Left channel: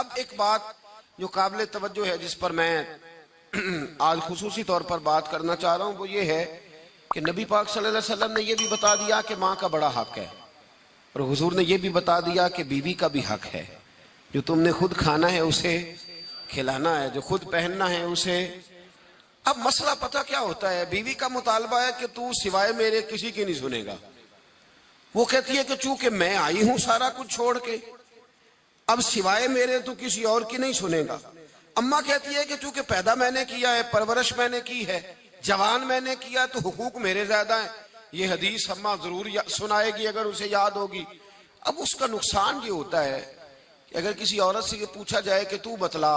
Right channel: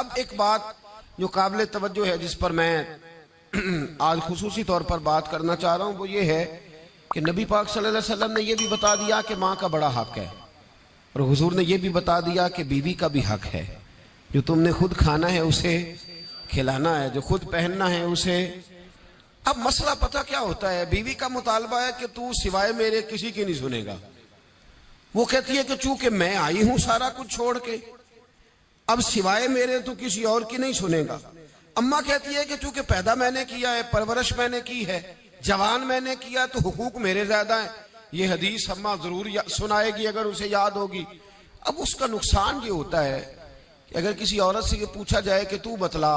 اب ایک بات جو قابل توجہ ہے، جس پر میں آج خصوصی طور پر بات کرنا چاہ رہا ہوں، وہ یہ ہے کہ نبی پاک صلی اللہ علیہ وسلم نے یہ بھی بتا دیا کہ ماں کا بڑا حق ہے، اور حضور نے یہ بھی بتا دیا کہ بیوی کا بھی حق ہے۔ جو تم نے خود کھانا ہے اسے کھلانا ہے، جو خود پہننا ہے اسے۔ اب مسئلہ پتہ کیا ہوتا ہے، بیوی کا مطالبہ ہے کہ تو سوائے میرے کسی کی نہیں سنے گا۔ وہ کہتی ہے کہ چونکہ میں آئی ہوں سارا کچھ چھوڑ کے، اب سوائے میرے تو کسی اور کی نہیں سنے گا۔ اماں کہتی ہے کہ چونکہ پیدا میں نے کیا ہے، پرورش میں نے کی ہے، جوان میں نے کیا، تو حقوق میرے زیادہ ہیں۔ یہ حدیث اماں ضرور سنائے گی اگر اسے یاد ہوگی۔ اب اس کا نقصان یہ ہوتا ہے کہ اگر کسی عورت سے یہ پوچھا جائے کہ تو بتلا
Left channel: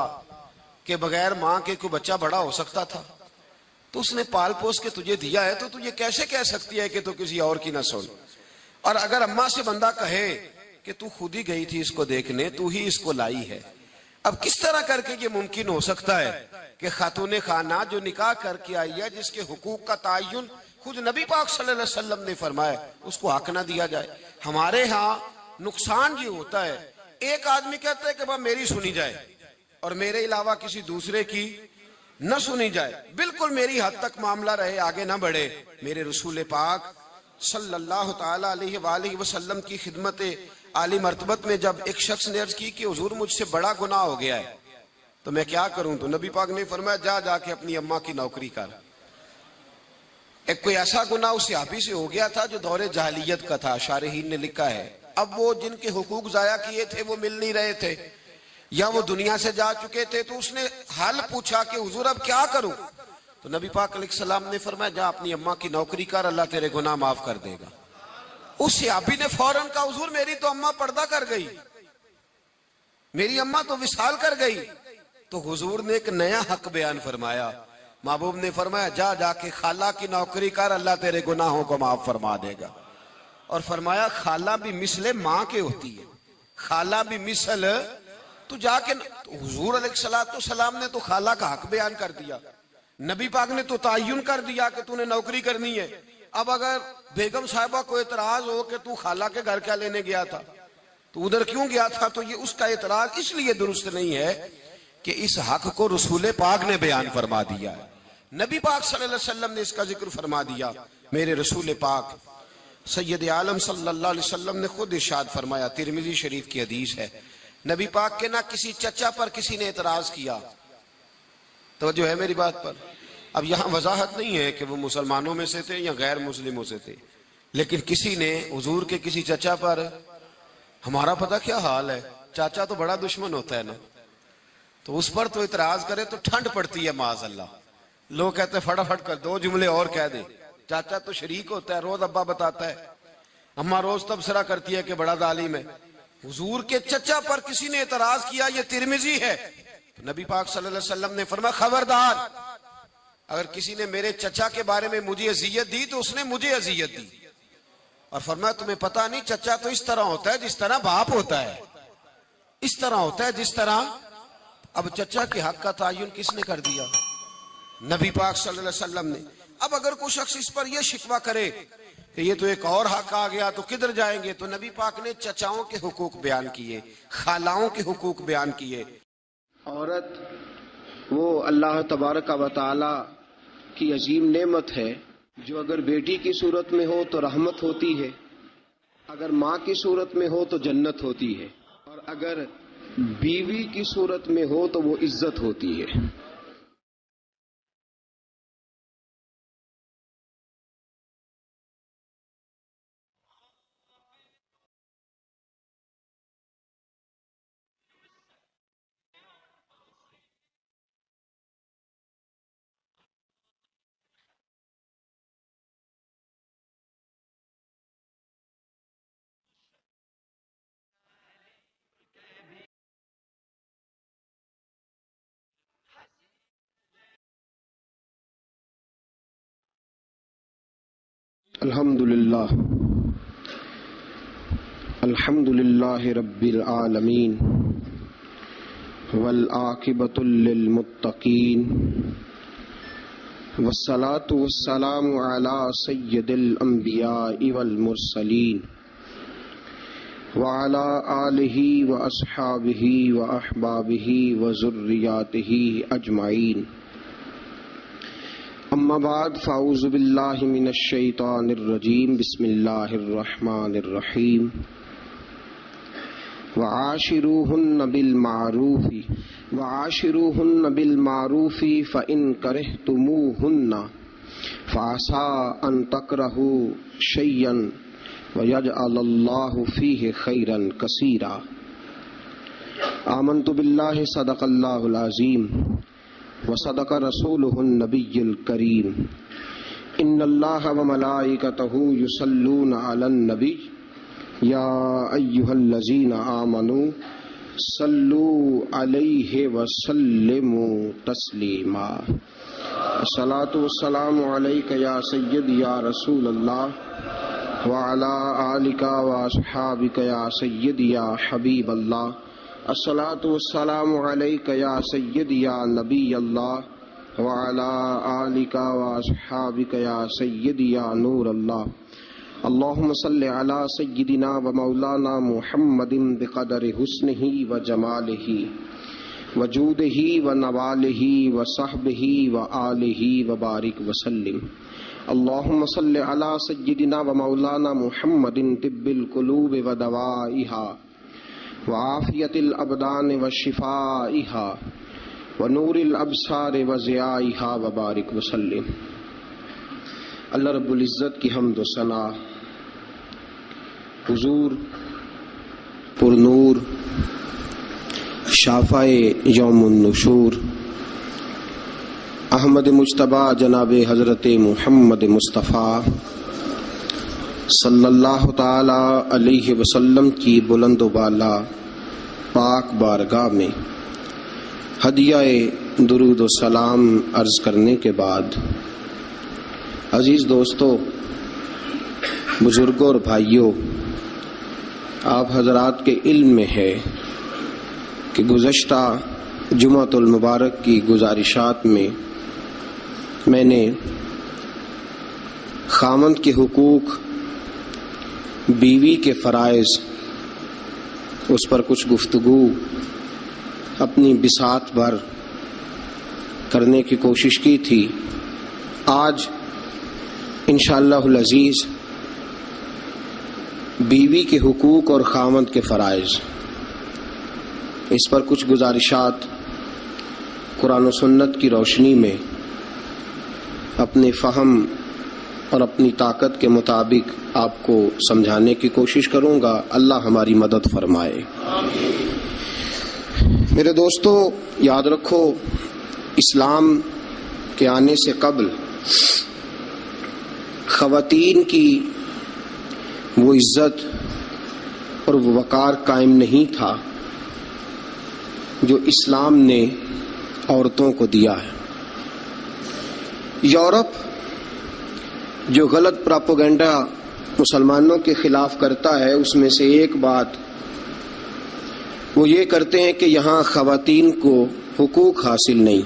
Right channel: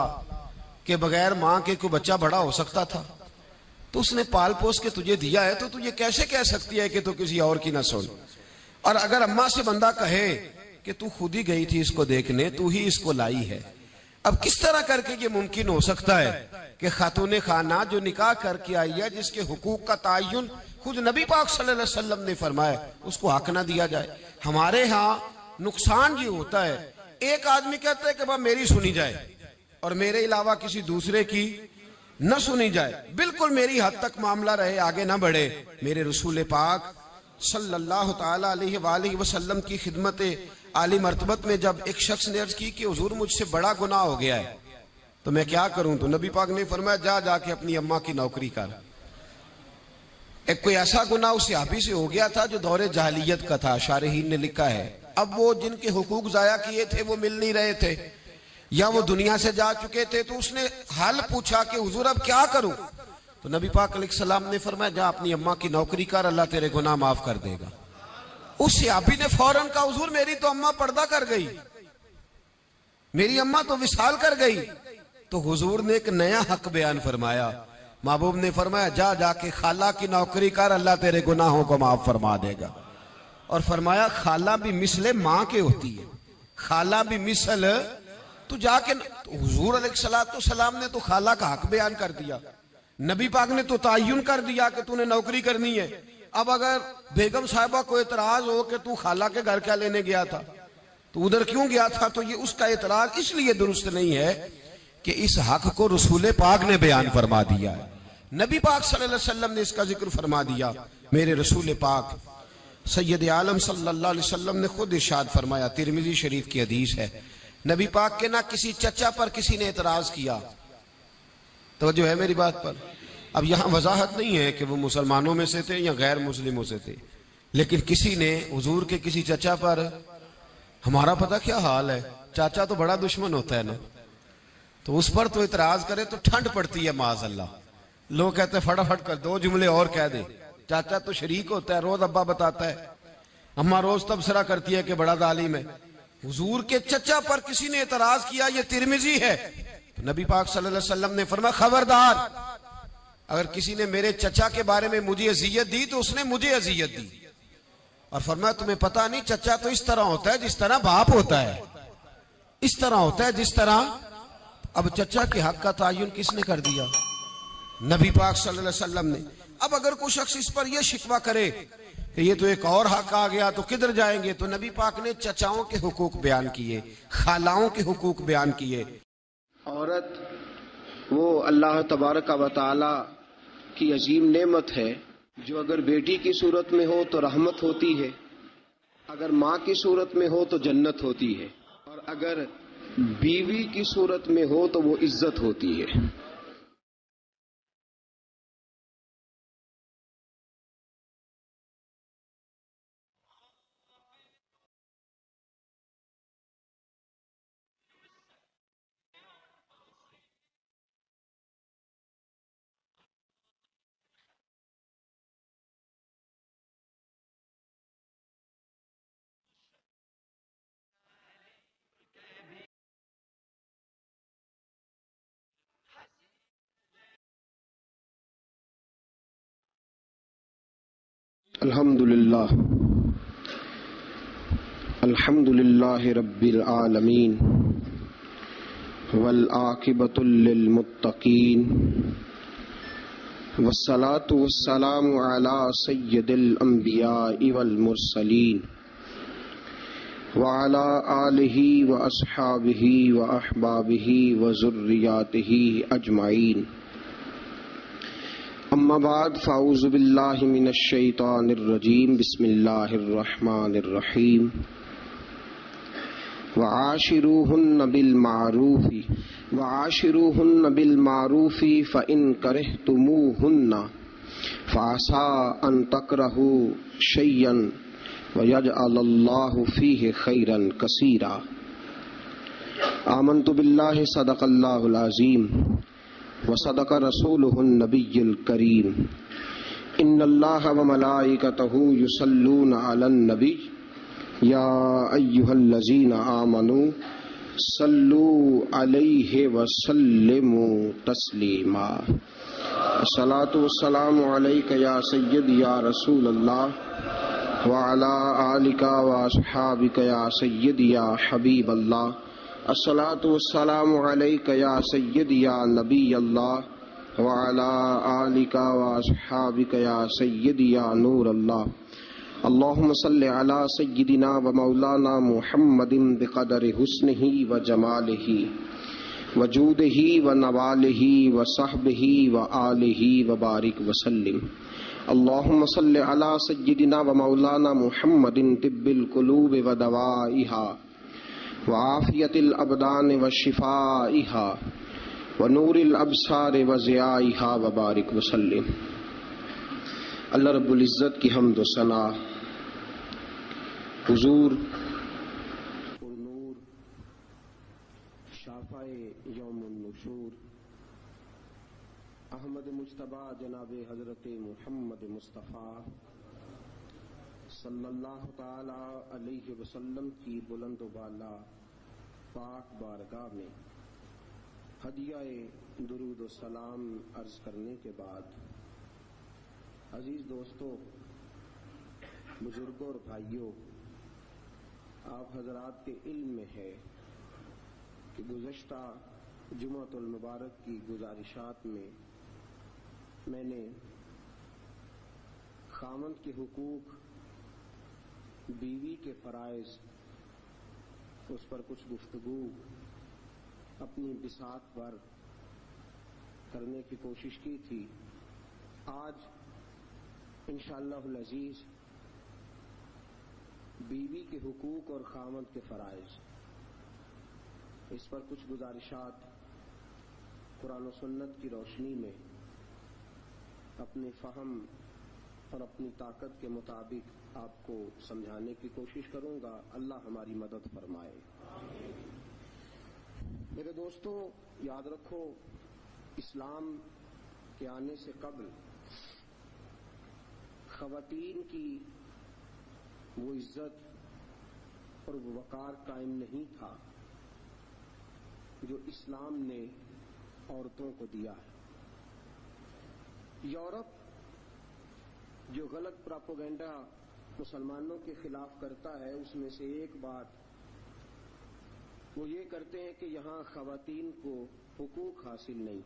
کہ بغیر ماں کے کوئی بچہ بڑا ہو سکتا تھا، تو اس نے پال پوس کے تجھے دیا ہے، تو تجھے کیسے کہہ سکتی ہے کہ تو کسی اور کی نہ سن؟ اور اگر اماں سے بندہ کہے کہ تو خود ہی گئی تھی اس کو دیکھنے، تو ہی اس کو لائی ہے، اب کس طرح کر کے یہ ممکن ہو سکتا ہے کہ خاتون خانہ جو نکاح کر کے آئی ہے، جس کے حقوق کا تعین خود نبی پاک صلی اللہ علیہ وسلم نے فرمایا، اس کو حق نہ دیا جائے؟ ہمارے ہاں نقصان یہ ہوتا ہے، ایک آدمی کہتا ہے کہ بھائی میری سنی جائے اور میرے علاوہ کسی دوسرے کی نہ سنی جائے، بالکل میری حد تک معاملہ رہے، آگے نہ بڑھے۔ میرے رسول پاک صلی اللہ تعالی علیہ وآلہ وسلم کی خدمت عالی مرتبت میں جب ایک شخص نے عرض کی کہ حضور مجھ سے بڑا گناہ ہو گیا ہے، تو میں کیا کروں؟ تو نبی پاک نے فرمایا جا کے اپنی اماں کی نوکری کر۔ ایک کوئی ایسا گناہ اس صحابی سے ہو گیا تھا جو دور جاہلیت کا تھا، شارحین نے لکھا ہے۔ اب وہ جن کے حقوق ضائع کیے تھے وہ مل نہیں رہے تھے، یا وہ دنیا سے جا چکے تھے، تو اس نے حال پوچھا کہ حضور اب کیا کروں؟ تو نبی پاک علیہ السلام نے فرمایا جا اپنی اماں کی نوکری کر، اللہ تیرے گناہ معاف کر دے گا۔ اس صحابی نے فوراً کہا حضور میری تو اماں پردہ کر گئی، میری اماں تو وصال کر گئی۔ تو حضور نے ایک نیا حق بیان فرمایا، محبوب نے فرمایا جا کے خالہ کی نوکری کر، اللہ تیرے گناہوں کو معاف فرما دے گا۔ اور فرمایا خالہ بھی مثل ماں کے ہوتی ہے، خالہ بھی مثل، تو جا کے حضور علیہ السلام نے تو خالہ کا حق بیان کر دیا، نبی پاک نے تو تعین کر دیا کہ تو نے نوکری کرنی ہے۔ اب اگر بیگم صاحبہ کو اعتراض ہو کہ تو خالہ کے گھر کیا لینے گیا تھا، تو ادھر کیوں گیا تھا، تو یہ اس کا اعتراض اس لیے درست نہیں ہے کہ اس حق کو رسول پاک نے بیان فرما دیا ہے، نبی پاک صلی اللہ علیہ وسلم نے اس کا ذکر فرما دیا۔ میرے رسول پاک سید عالم صلی اللہ علیہ وسلم نے خود ارشاد فرمایا، ترمذی شریف کی حدیث ہے، نبی پاک کے نہ کسی چچا پر کسی نے اعتراض کیا۔ توجہ ہے میری بات پر؟ اب یہاں وضاحت نہیں ہے کہ وہ مسلمانوں میں سے تھے یا غیر مسلموں سے تھے، لیکن کسی نے حضور کے کسی چچا پر، ہمارا پتہ کیا حال ہے، چاچا تو بڑا دشمن ہوتا ہے نا، تو اس پر تو اعتراض کرے تو ٹھنڈ پڑتی ہے معاذ اللہ۔ لوگ کہتے ہیں فٹافٹ کر دو جملے اور کہہ دے، چاچا تو شریک ہوتا ہے، روز ابا بتاتا ہے، اماں روز تبصرہ کرتی ہے کہ بڑا ظالم ہے۔ حضور کے چچا پر کسی نے اعتراض کیا، یہ ترمذی ہے، نبی پاک صلی اللہ علیہ وسلم نے فرمایا خبردار، اگر کسی نے میرے چچا کے بارے میں مجھے اذیت دی تو اس نے مجھے اذیت دی۔ اور فرمایا تمہیں پتہ نہیں چچا تو اس طرح ہوتا ہے جس طرح باپ ہوتا ہے، اس طرح ہوتا ہے جس طرح۔ اب چچا کے حق کا تعین کس نے کر دیا؟ نبی پاک صلی اللہ علیہ وسلم نے۔ اب اگر کوئی شخص اس پر یہ شکوہ کرے کہ یہ تو ایک اور حق آ گیا تو کدھر جائیں گے، تو نبی پاک نے چچاؤں کے حقوق بیان کیے، خالاؤں کے حقوق بیان کیے۔ عورت وہ اللہ تبارک و تعالی کی عظیم نعمت ہے جو اگر بیٹی کی صورت میں ہو تو رحمت ہوتی ہے، اگر ماں کی صورت میں ہو تو جنت ہوتی ہے، اور اگر بیوی کی صورت میں ہو تو وہ عزت ہوتی ہے۔ الحمد للہ رب العالمین والعاقبۃ للمتقین والصلاة والسلام علی سید الانبیاء والمرسلین وعلى آله وأصحابه وأحبابه وذرياته أجمعين أما بعد فأعوذ بالله من الشيطان الرجيم بسم الله الرحمن الرحيم وعاشروهن بالمعروف فإن كرهتموهن فعسى أن تكرهوا شيئا ويجعل الله فيه خيرا كثيرا آمنت بالله صدق الله العظيم وصدق رسوله النبي الكريم إن الله وملائكته يصلون على النبي يا أيها الذين آمنوا صلوا عليه وسلموا تسليما الصلاة والسلام عليك يا سيدي يا رسول الله وعلى آلك وأصحابك يا سيدي يا حبيب الله الصلاة والسلام عليك يا سيدي يا نبي الله وعلى آلك وأصحابك يا سيدي يا نور الله اللهم صل على سيدنا ومولانا محمد بقدر حسنه وجماله وجوده ونواله وصحبه وآله وبارك وسلم اللهم صل على سيدنا ومولانا محمد طب القلوب ودوائها وعافية الأبدان وشفائها ونور الأبصار وضيائها وبارك وسلم۔ اللہ رب العزت کی حمد و ثنا حضور پر نور شافع یوم النشور احمد مجتبیٰ جناب حضرت محمد مصطفیٰ صلی اللہ تعالی علیہ وسلم کی بلند و بالا پاک بارگاہ میں ہدیہ درود و سلام عرض کرنے کے بعد، عزیز دوستو، بزرگوں اور بھائیوں، آپ حضرات کے علم میں ہے کہ گزشتہ جمعۃ المبارک کی گزارشات میں نے خاوند کے حقوق، بیوی کے فرائض، اس پر کچھ گفتگو اپنی بساط بھر کرنے کی کوشش کی تھی۔ آج انشاءاللہ العزیز بیوی کے حقوق اور خاوند کے فرائض، اس پر کچھ گزارشات قرآن و سنت کی روشنی میں اپنے فہم اور اپنی طاقت کے مطابق آپ کو سمجھانے کی کوشش کروں گا۔ اللہ ہماری مدد فرمائے۔ میرے دوستو، یاد رکھو، اسلام کے آنے سے قبل خواتین کی وہ عزت اور وہ وقار قائم نہیں تھا جو اسلام نے عورتوں کو دیا ہے۔ یورپ جو غلط پراپوگنڈا مسلمانوں کے خلاف کرتا ہے، اس میں سے ایک بات وہ یہ کرتے ہیں کہ یہاں خواتین کو حقوق حاصل نہیں۔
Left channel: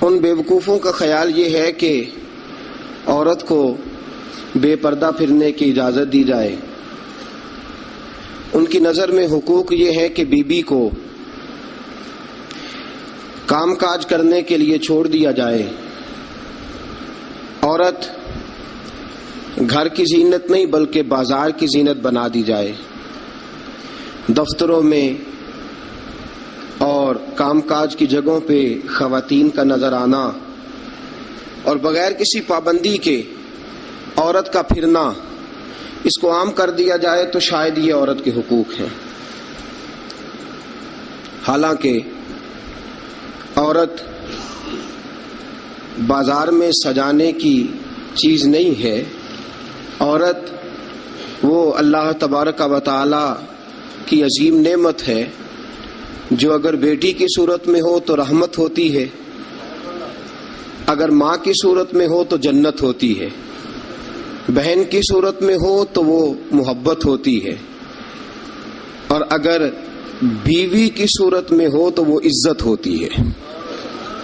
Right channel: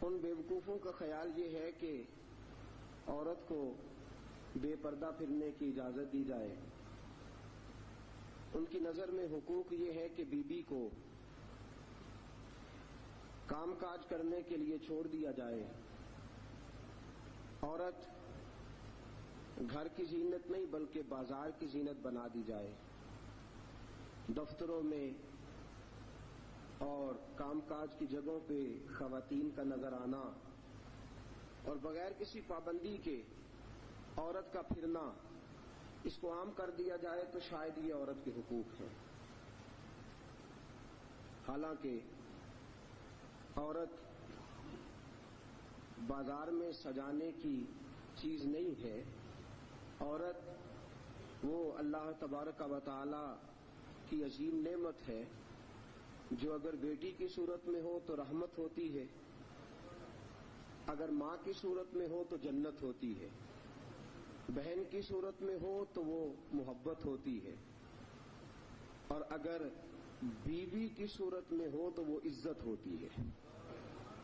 ان بیوقوفوں کا خیال یہ ہے کہ عورت کو بے پردہ پھرنے کی اجازت دی جائے۔ ان کی نظر میں حقوق یہ ہے کہ بیوی کو کام کاج کرنے کے لیے چھوڑ دیا جائے۔ عورت گھر کی زینت نہیں بلکہ بازار کی زینت بنا دی جائے۔ دفتروں میں اور کام کاج کی جگہوں پہ خواتین کا نظر آنا اور بغیر کسی پابندی کے عورت کا پھرنا، اس کو عام کر دیا جائے تو شاید یہ عورت کے حقوق ہیں۔ حالانکہ عورت بازار میں سجانے کی چیز نہیں ہے۔ عورت وہ اللہ تبارک و تعالی کی عظیم نعمت ہے جو اگر بیٹی کی صورت میں ہو تو رحمت ہوتی ہے، اگر ماں کی صورت میں ہو تو جنت ہوتی ہے، بہن کی صورت میں ہو تو وہ محبت ہوتی ہے، اور اگر بیوی کی صورت میں ہو تو وہ عزت ہوتی ہے۔